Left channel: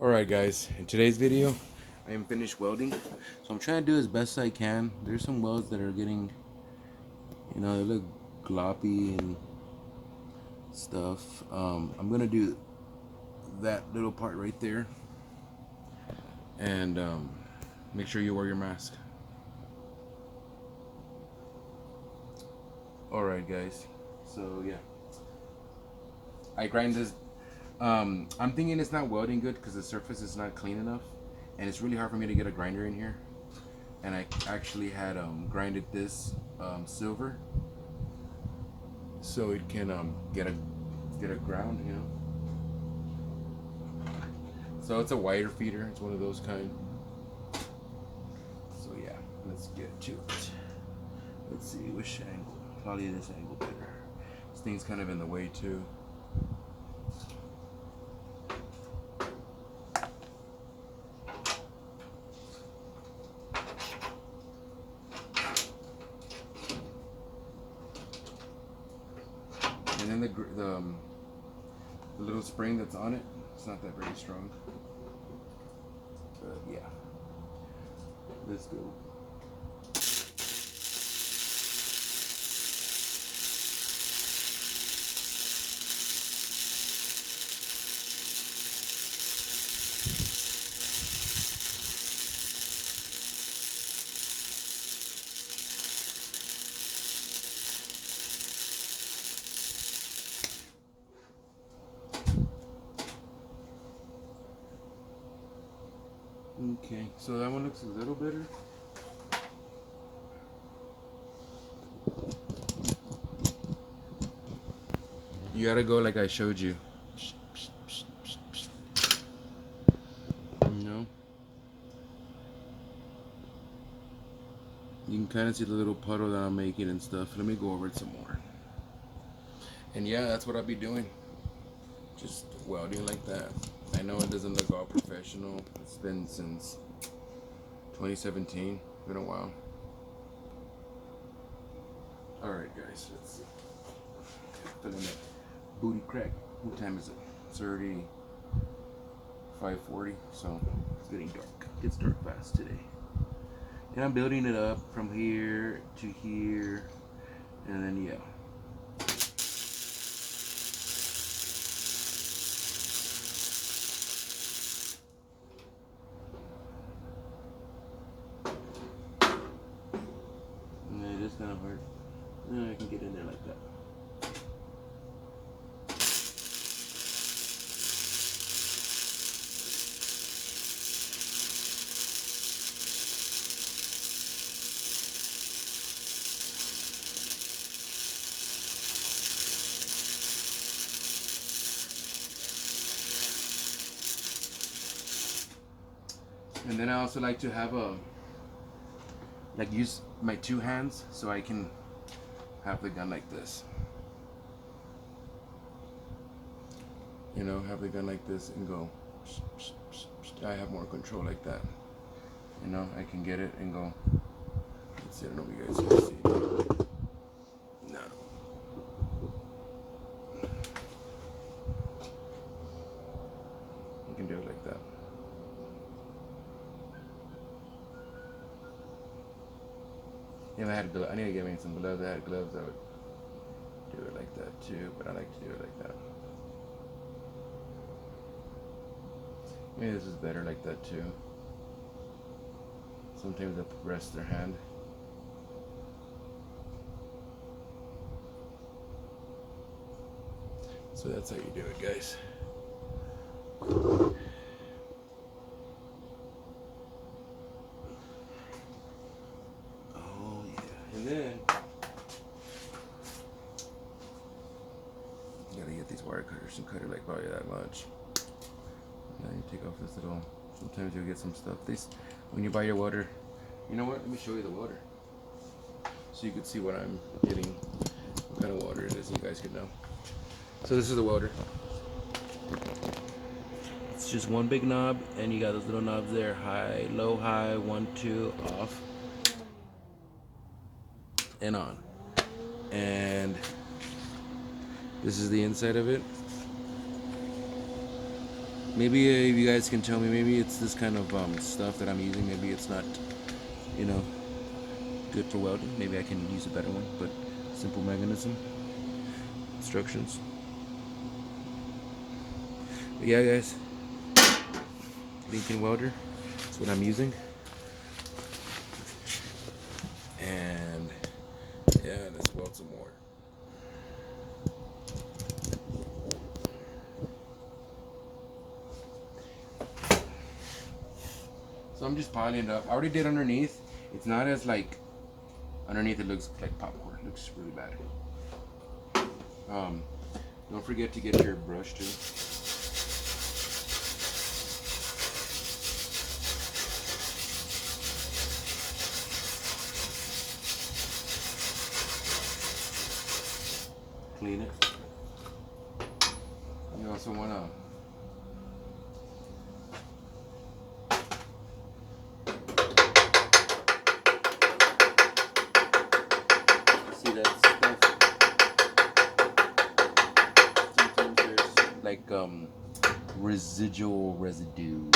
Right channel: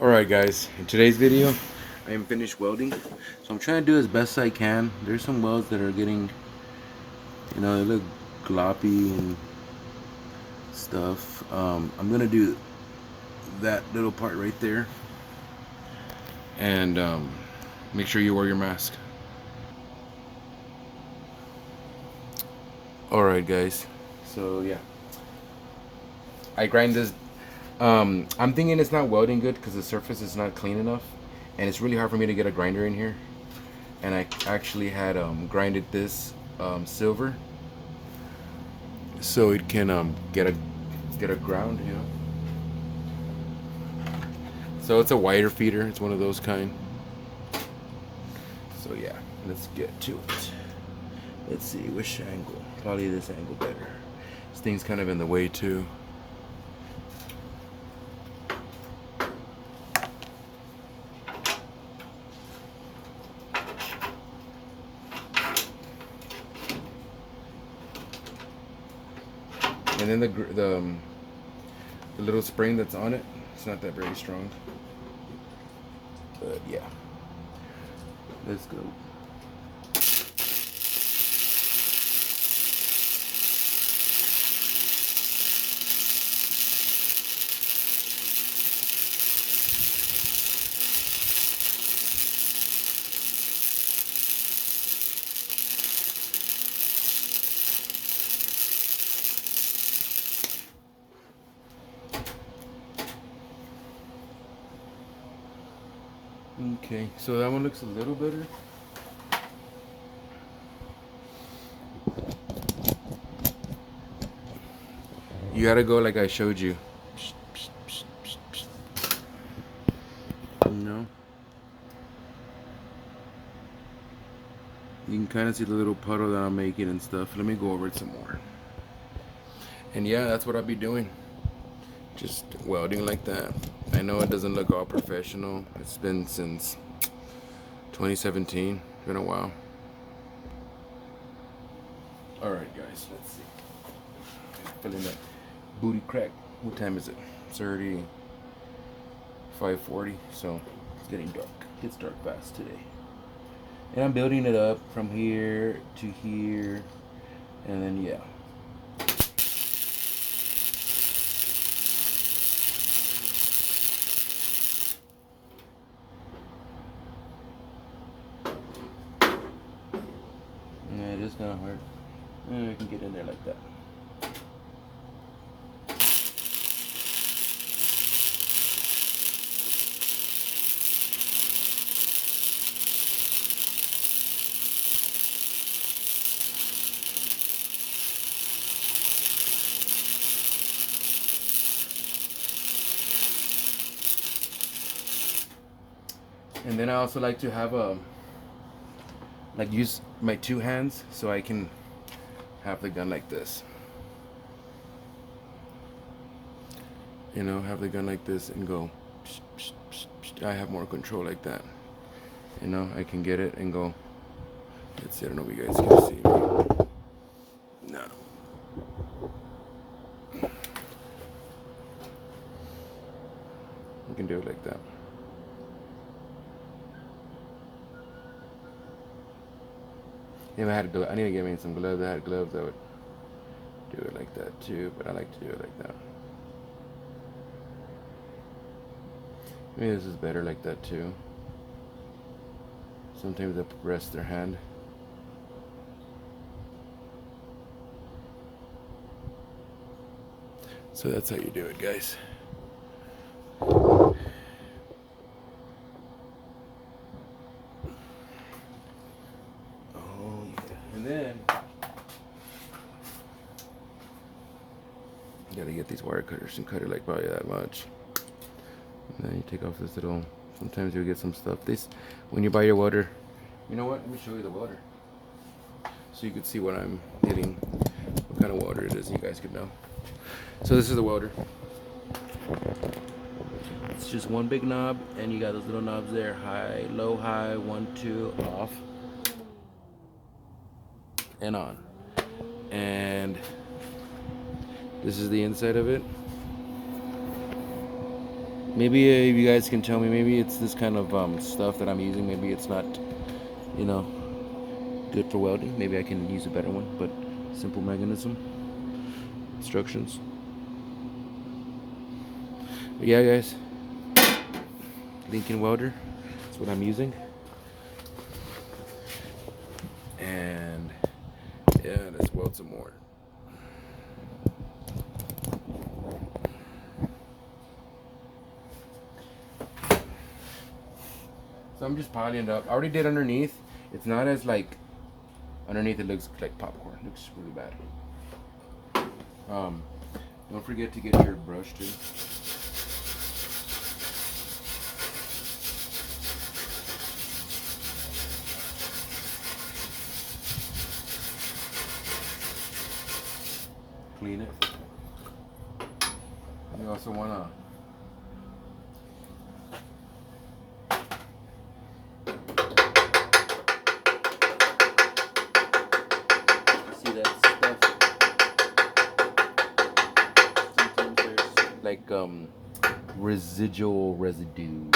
Alright guys, in today's video I am finished welding, so I'm trying to do as best I can. There's some welds that are getting, they look gloppy and stuff. I'm gonna do that little part right there, and make sure you wear your mask. Alright guys, so yeah, I grind this. I'm thinking it's not welding good because the surface is not clean enough, and it's really hard for me to get a grinder in here. And I actually had grinded this silver so it can get a ground, So it's a wider feeder. It's one of those kind. So yeah, let's get to it. Let's see which angle. Probably this angle better. This thing's kind of in the way too. And then the little spring that's on it, it's not that very strong. But yeah, let's go. Okay, so that one looks a little better. You gotta go like I showed you. No. You can kind of see the little puddle that I'm making and stuff. Let me go over it some more. And yeah, that's what I'll be doing. Just welding like that. I know it doesn't look all professional. It's been since 2017. It's been a while. Alright guys, let's see. Feeling that booty crack. What time is it? It's already 5:40, so it's getting dark. It gets dark fast today. And I'm building it up from here to here, and then yeah. Yeah, it is kind of hard. I can get in there like that. And then I also like to have use my two hands so I can have the gun like this. Have the gun like this and go. I have more control like that. I can get it and go. Let's see, I don't know if you guys can see me. No. You can do it like that. If I had I need to get me some gloves. I had gloves, I would do it like that too, but I like to do it like that. Maybe this is better like that too. Sometimes they rest their hand. So that's how you do it, guys. And then you gotta get these wire cutters and cut it like probably that much. And then you take off this little. Sometimes you'll get some stuff. When you buy your welder, you know what? Let me show you the welder, so you can see what I'm getting, what kind of welder it is. You guys could know. So this is the welder. It's just one big knob, and you got those little knobs there: high, low, high, 1, 2, off, and on. And this is the inside of it. Maybe you guys can tell me. Maybe it's this kind of stuff that I'm using. Maybe it's not, you know, good for welding. Maybe I can use a better one. But simple mechanism, instructions. But yeah, guys. Lincoln welder. That's what I'm using. And yeah, let's weld some more. So I'm just piling it up. I already did underneath. It's not as like underneath. It looks like popcorn. It looks really bad. Don't forget to get your brush too. Clean it. You also wanna see that stuff. Sometimes there's like residual residue.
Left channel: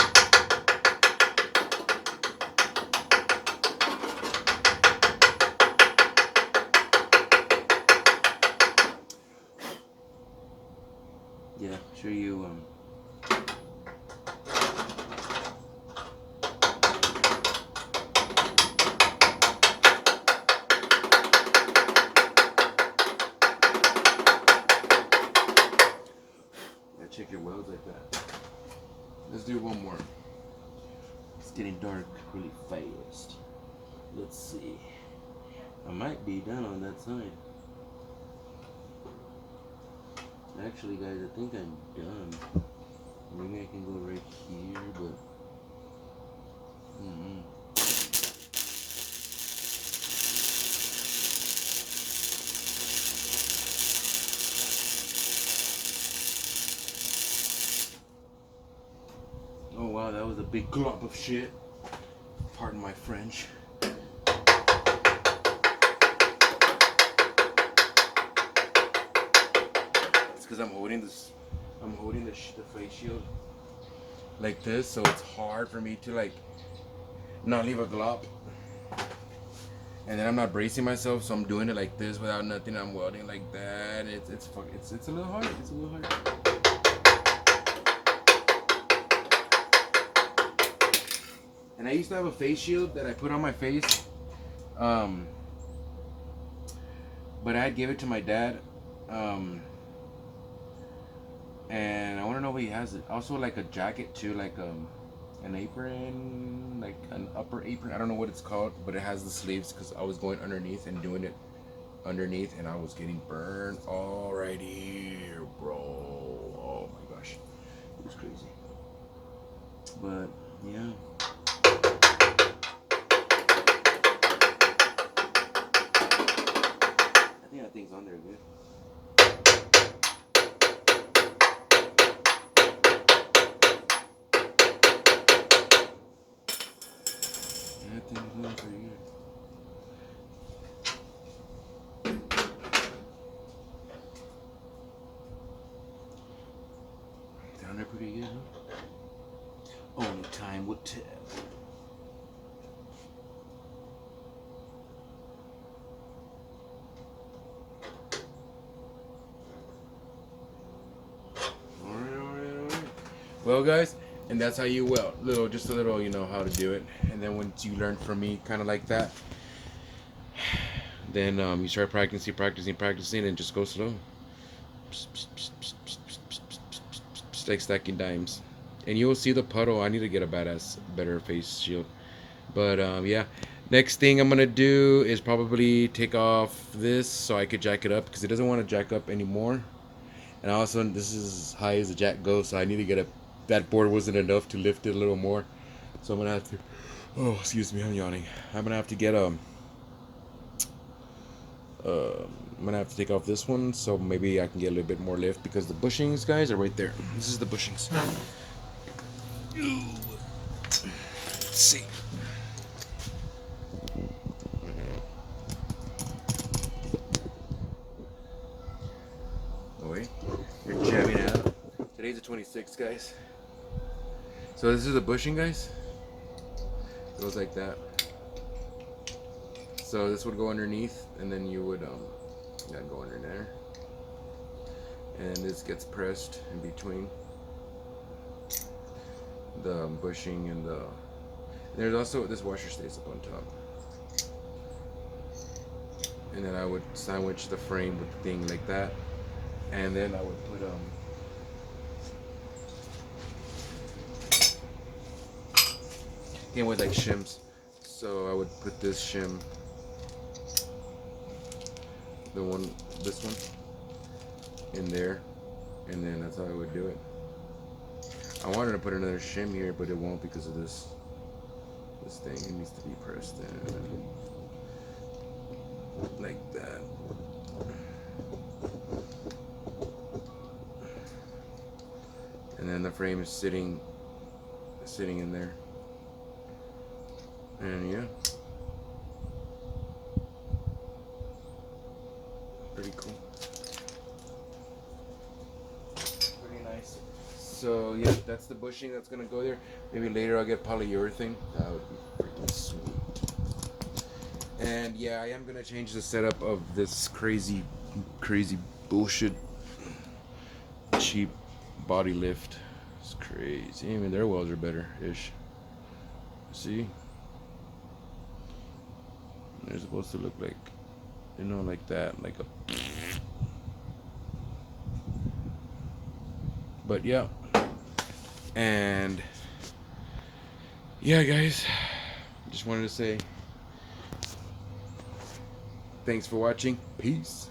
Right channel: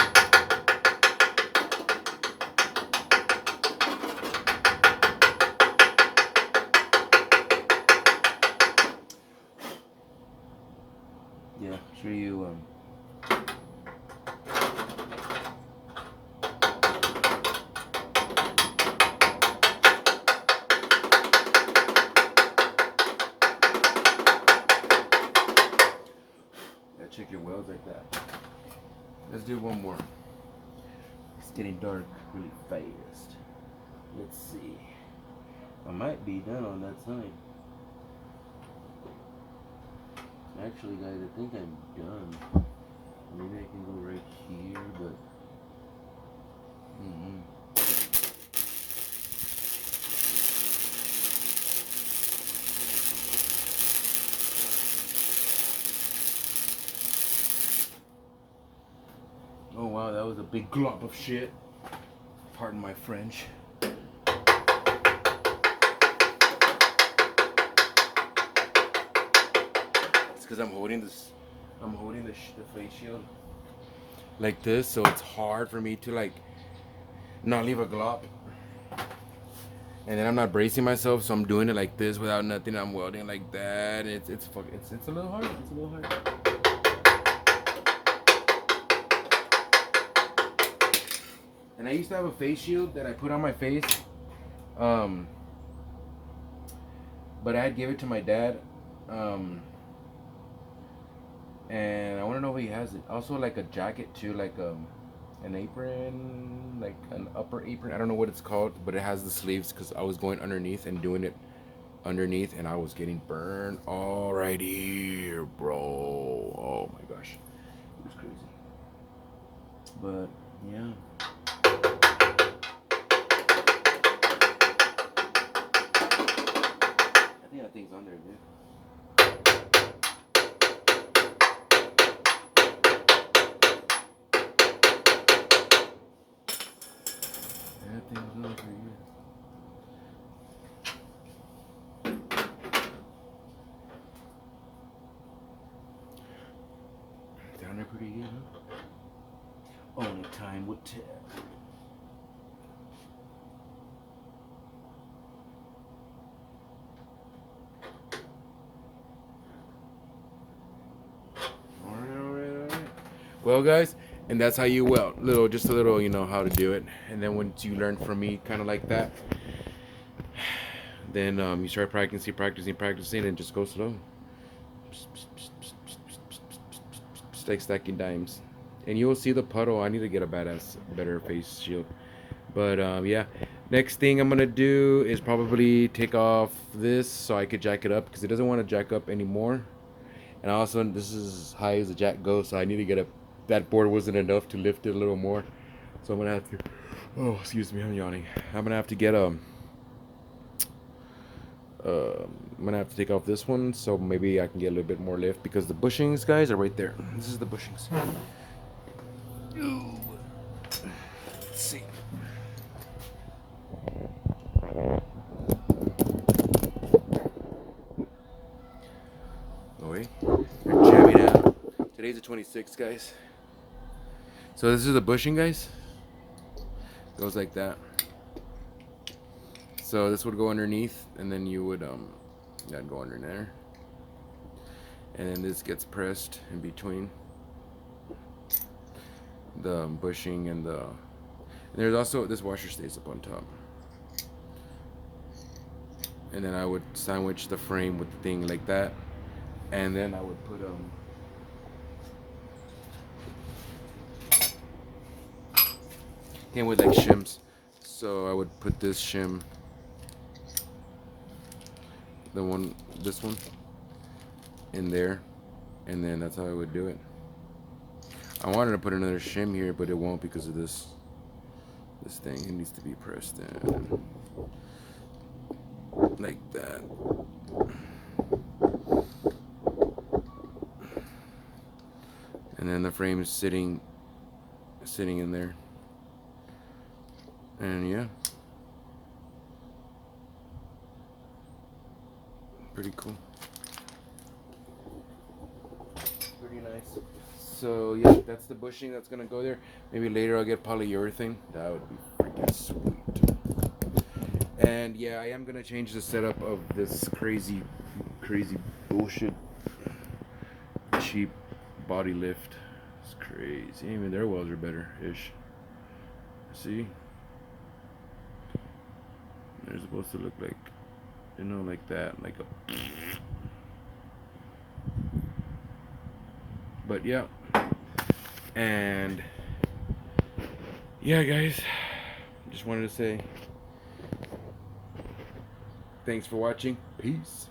Yeah, sure you check your welds like that. Let's do one more. It's getting dark really fast. Let's see. I might be done on that side. Actually, guys, I think I'm done. Maybe I can go right here, but oh wow, that was a big glop of shit. Pardon my French. It's because I'm holding this. I'm holding the face shield like this, so it's hard for me to like not leave a glop. And then I'm not bracing myself, so I'm doing it like this without nothing. I'm welding like that. It's a little hard. It's a little hard. And I used to have a face shield that I put on my face, but I'd give it to my dad, and I want to know if he has it. Also, like a jacket too, like an apron, like an upper apron. I don't know what it's called, but it has the sleeves because I was going underneath and doing it underneath, and I was getting burned all right here, bro. Oh my gosh, it was crazy. But yeah. I think that thing's on there, dude. That thing's on for you. Down there pretty good, huh? Only time will tell. Well, guys, and that's how you weld. Just a little, you know how to do it. And then once you learn from me, kind of like that, then you start practicing, and just go slow. Just like stacking dimes. And you will see the puddle. I need to get a better face shield. But yeah, next thing I'm gonna do is probably take off this so I could jack it up because it doesn't want to jack up anymore. And also, this is as high as the jack goes, so I need to get a. That board wasn't enough to lift it a little more, so I'm gonna have to. Oh, excuse me, I'm yawning. I'm gonna have to get I'm gonna have to take off this one, so maybe I can get a little bit more lift because the bushings, guys, are right there. This is the bushings. Let's see. Oh wait, we're jamming out. Today's the 26th, guys. So this is the bushing, guys. It goes like that. So this would go underneath, and then you would that'd go under there, and then this gets pressed in between the bushing and the. There's also this washer stays up on top, and then I would sandwich the frame with the thing like that, and then I would put came with like shims, so I would put this shim, this one, in there, and then that's how I would do it. I wanted to put another shim here, but it won't because of this thing. It needs to be pressed in like that. And then the frame is sitting in there. And yeah, pretty cool. Pretty nice. So yeah, that's the bushing that's gonna go there. Maybe later I'll get polyurethane. That would be freaking sweet. And yeah, I am gonna change the setup of this crazy bullshit cheap body lift. It's crazy. Even their welds are better-ish. See? They're supposed to look like, you know, like that, like a. But yeah, and yeah, guys, just wanted to say thanks for watching. Peace.